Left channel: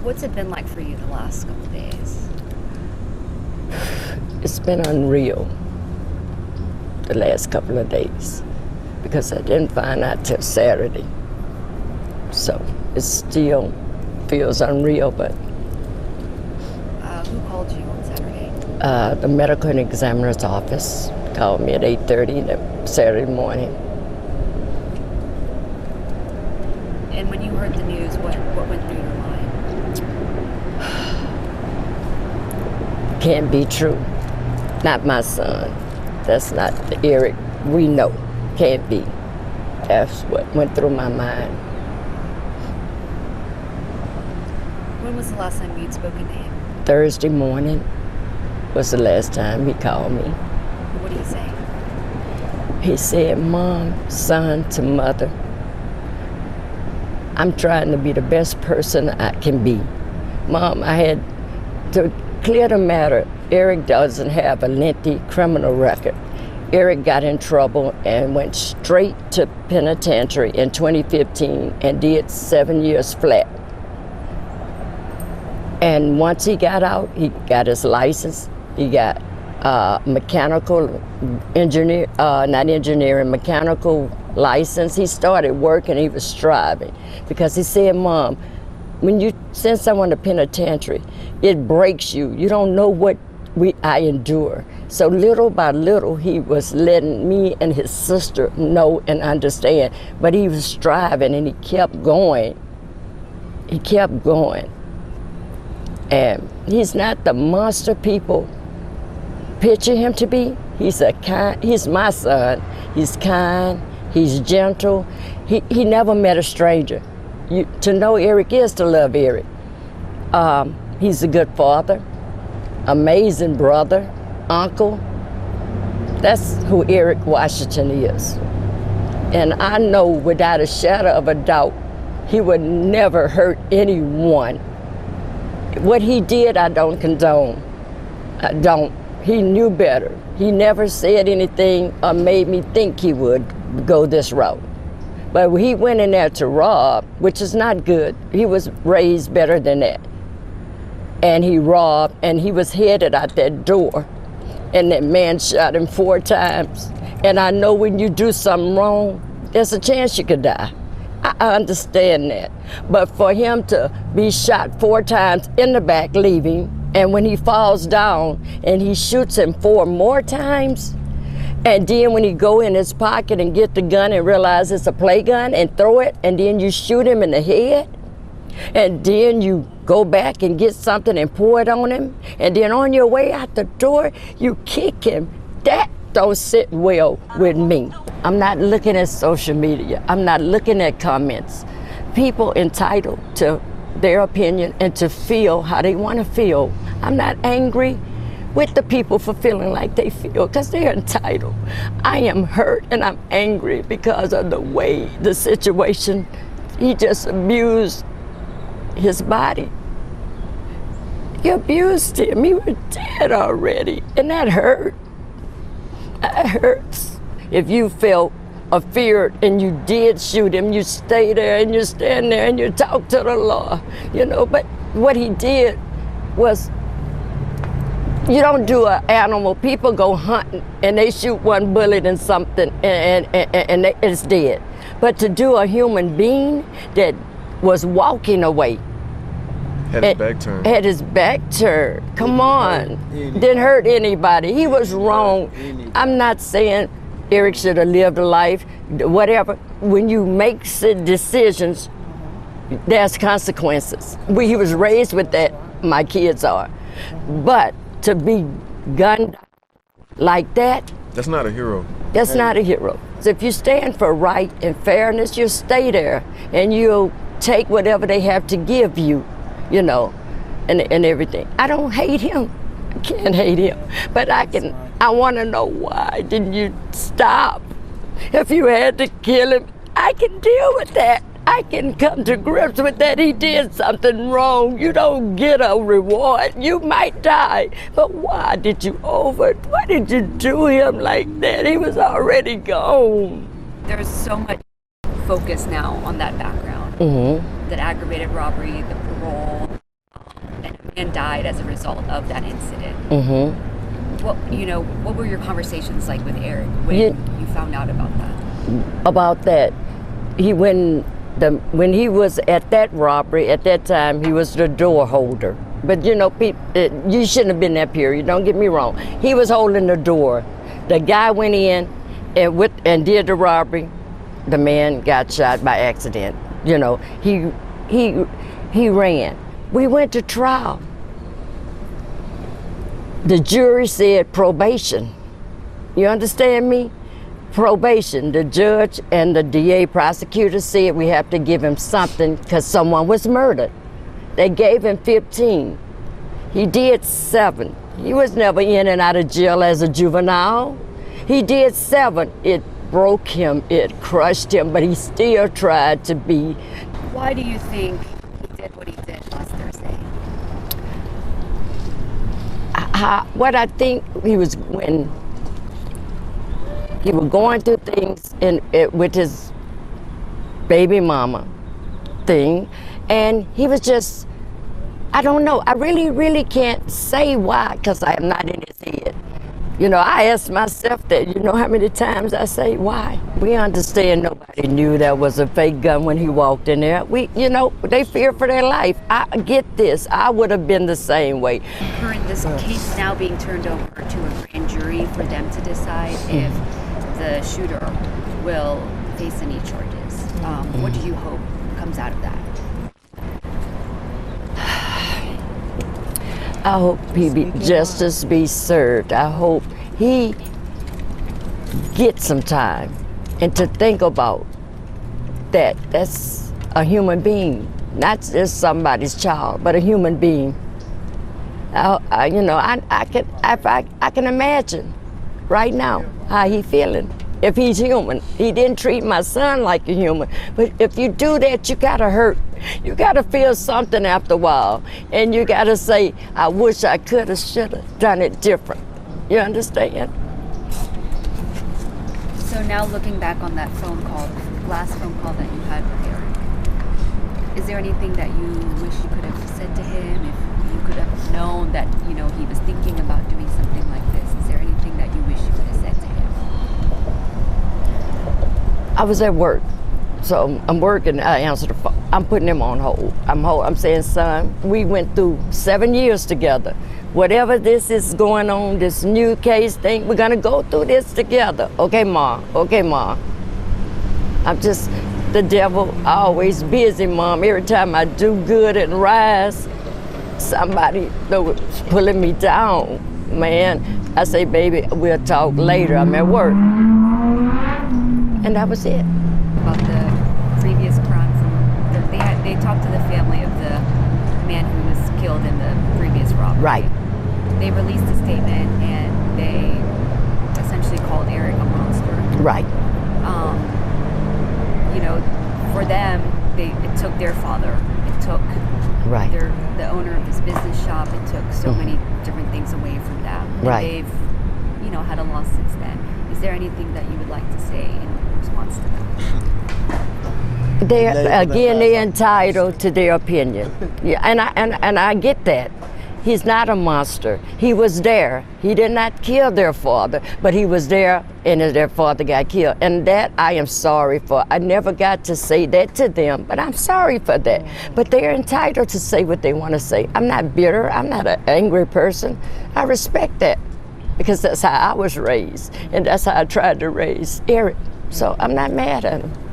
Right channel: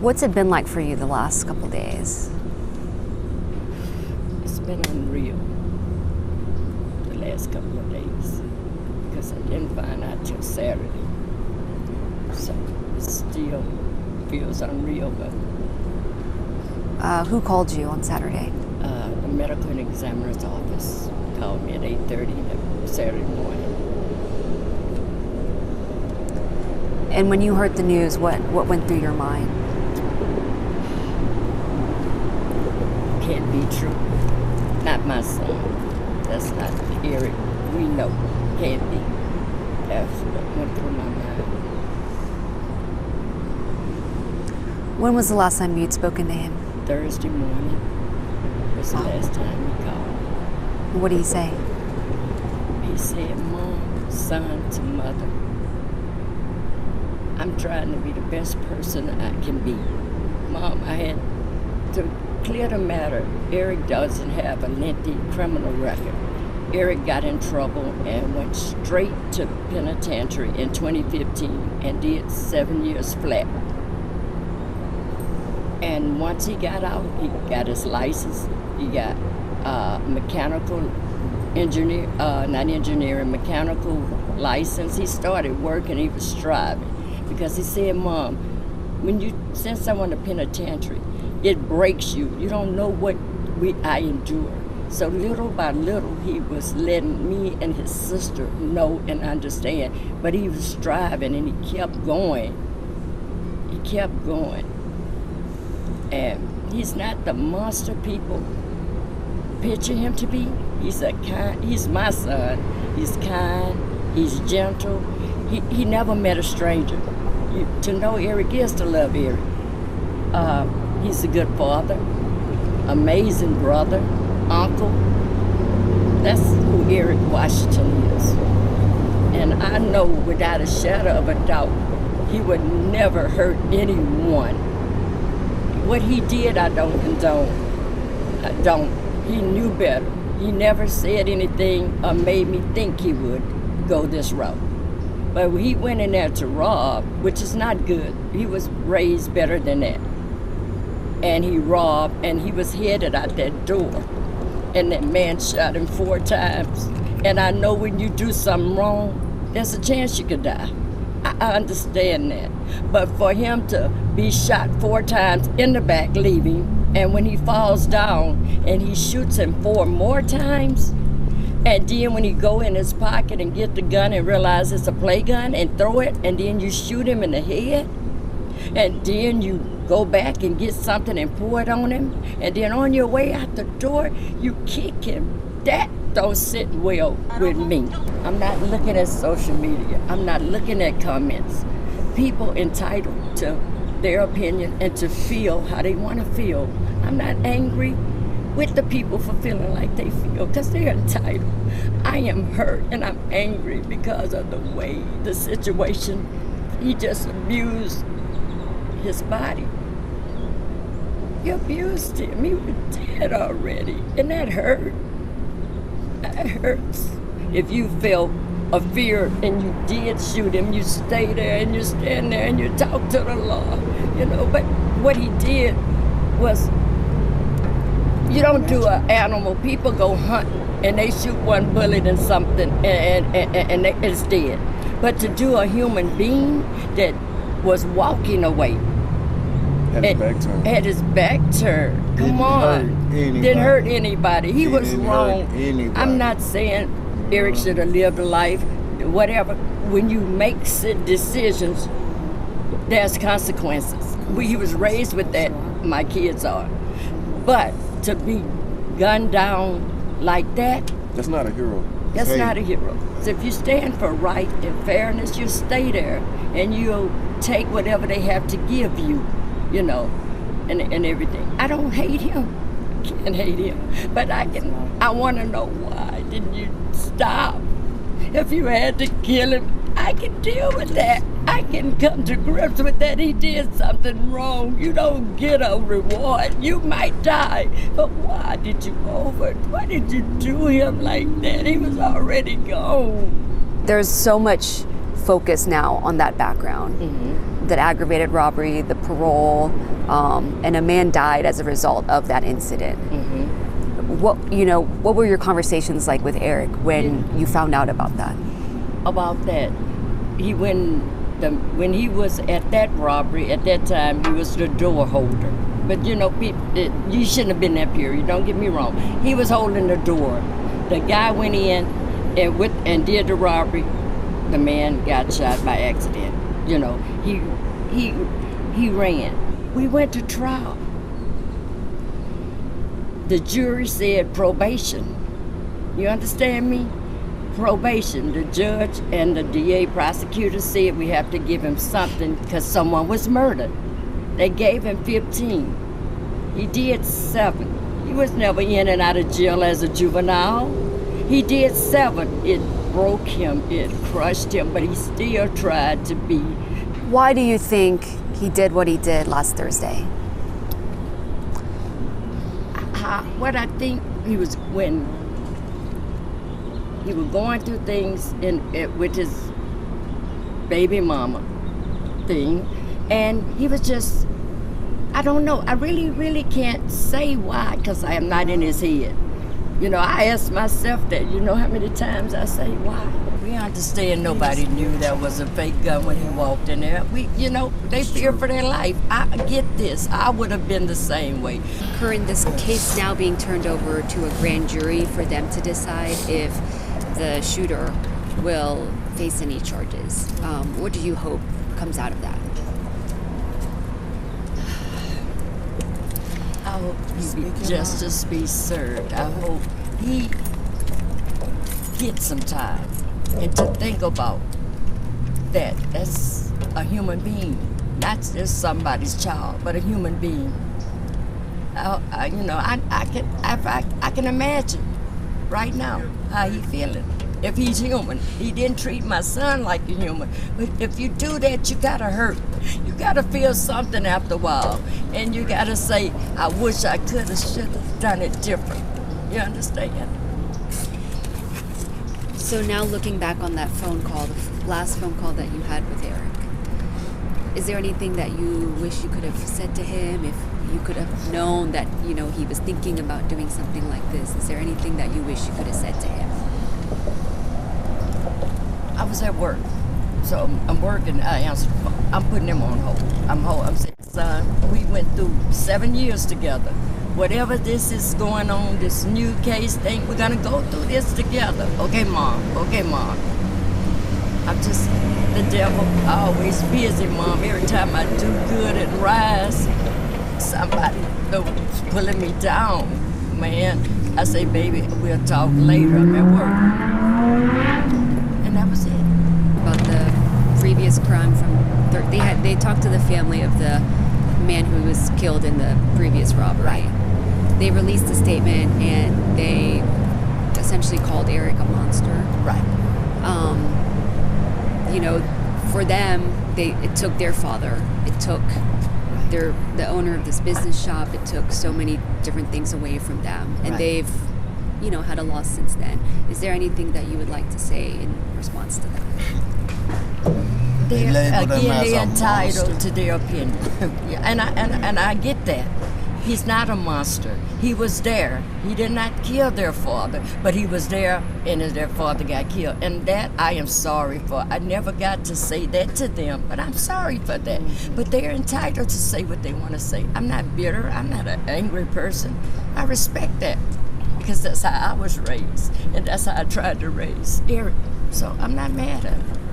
What's it been like for you the last couple of days? It's been unreal the last couple of days because I didn't find out till Saturday. So it still feels unreal, but... Who called you on Saturday? The medical examiner's office called me at 8:30 that Saturday morning. And when you heard the news, what went through your mind? Can't be true. Not my son. That's not Eric. We know. Can't be. That's what went through my mind. When was the last time you'd spoken to him? Thursday morning was the last time he called me. What did he say? He said, Mom, son to mother, I'm trying to be the best person I can be. Mom, I had to clear the matter. Eric doesn't have a lengthy criminal record. Eric got in trouble and went straight to penitentiary in 2015 and did 7 years flat. And once he got out, he got his license. He got mechanical engineer, mechanical license. He started working, he was striving. Because he said, Mom, when you send someone to penitentiary, it breaks you. You don't know what I endure. So little by little, he was letting me and his sister know and understand. But he was striving and he kept going. He kept going. And he's not the monster people picture him to be. He's my son. He's kind, he's gentle. He never met a stranger. To know Eric is to love Eric. He's a good father, amazing brother, uncle. That's who Eric Washington is. And I know without a shadow of a doubt, he would never hurt anyone. What he did, I don't condone. I don't. He knew better. He never said anything or made me think he would go this route. But he went in there to rob, which is not good. He was raised better than that. And he robbed, and he was headed out that door. And that man shot him 4 times. And I know when you do something wrong, there's a chance you could die. I understand that. But for him to be shot 4 times in the back, leaving, and when he falls down and he shoots him 4 more times, and then when he go in his pocket and get the gun and realize it's a play gun and throw it, and then you shoot him in the head, and then you go back and get something and pour it on him, and then on your way out the door, you kick him, that don't sit well with me. I'm not looking at social media. I'm not looking at comments. People entitled to their opinion and to feel how they want to feel. I'm not angry with the people for feeling like they feel because they're entitled. I am hurt and I'm angry because of the way the situation, he just abused his body. He abused him. He was dead already, and that hurt. That hurts. If you felt a fear and you did shoot him, you stay there and you stand there and you talk to the law, you know. But what he did was, you don't do an animal. People go hunting and they shoot 1 bullet and something and it's dead. But to do a human being that was walking away, had his back turned. Had his back turned. Come on. Didn't hurt anybody. He was wrong. I'm not saying Eric should have lived a life, whatever. When you make decisions, there's consequences. He was raised with that, my kids are. But to be gunned down like that, that's not a hero. That's not a hero. So if you stand for right and fairness, you'll stay there and you'll take whatever they have to give you, you know, and everything. I don't hate him. I can't hate him. But I want to know, why didn't you stop? If you had to kill him, I can deal with that. I can come to grips with that. He did something wrong. You don't get a reward. You might die. But why did you do him like that? He was already gone. There's so much focus now on that background, that aggravated robbery, the parole, and a man died as a result of that incident. What were your conversations like with Eric when you found out about that? About that, when he was at that robbery, at that time, he was the door holder. But people, you shouldn't have been that period, don't get me wrong. He was holding the door. The guy went in and did the robbery. The man got shot by accident. He ran. We went to trial. The jury said probation. You understand me? Probation. The judge and the DA prosecutor said we have to give him something because someone was murdered. They gave him 15. He did 7. He was never in and out of jail as a juvenile. He did 7. It broke him, it crushed him, but he still tried to be. Why do you think he did what he did last Thursday? What I think he was when he was going through things with his baby mama thing, and he was just, I don't know, I really can't say why, because I am not in his head. I ask myself that, how many times I say why. We understand nobody knew that was a fake gun when he walked in there. They fear for their life. I get this. I would have been the same way. Corine, this case now being turned over to a grand jury for them to decide if the shooter will face any charges. What do you hope comes out of that? I hope justice be served. I hope he gets some time and to think about that. That's a human being, not just somebody's child, but a human being. I can imagine right now how he feeling. If he's human, he didn't treat my son like a human. But if you do that, you gotta hurt. You gotta feel something after a while. And you gotta say, I wish I coulda, shoulda done it different. You understand? So now looking back on that phone call, the last phone call that you had with Eric, is there anything that you wish you could have said to him? If you could have known that, he was thinking about doing something like this, is there anything that you wish you could have said to him? I was at work, so I'm working. I answer the phone. I'm putting him on hold. I'm saying, son, we went through 7 years together. Whatever this is going on, this new case thing, we're gonna go through this together. Okay, Mom. Okay, Mom. I'm just the devil. Always busy, Mom. Every time I do good and rise, somebody was pulling me down. Man, I say, baby, we'll talk later. I'm at work. And that was it. About the previous crime they talked to the family of the man who was killed in the previous robbery. Right. They released a statement and they essentially called Eric a monster. Right. For them, it took their father. It took right. the owner of this business shop. It took so many different things away from them. And right. they've, had a loss since then. Is there anything that you would like to say in response to that? They're entitled to their opinion. Yeah, and I get that. He's not a monster. He was there. He did not kill their father, but he was there and their father got killed. And that I am sorry for. I never got to say that to them, but I'm sorry for that. But they're entitled to say what they want to say. I'm not bitter. I'm not an angry person. I respect that because that's how I was raised, and that's how I tried to raise Eric. So I'm not mad at him.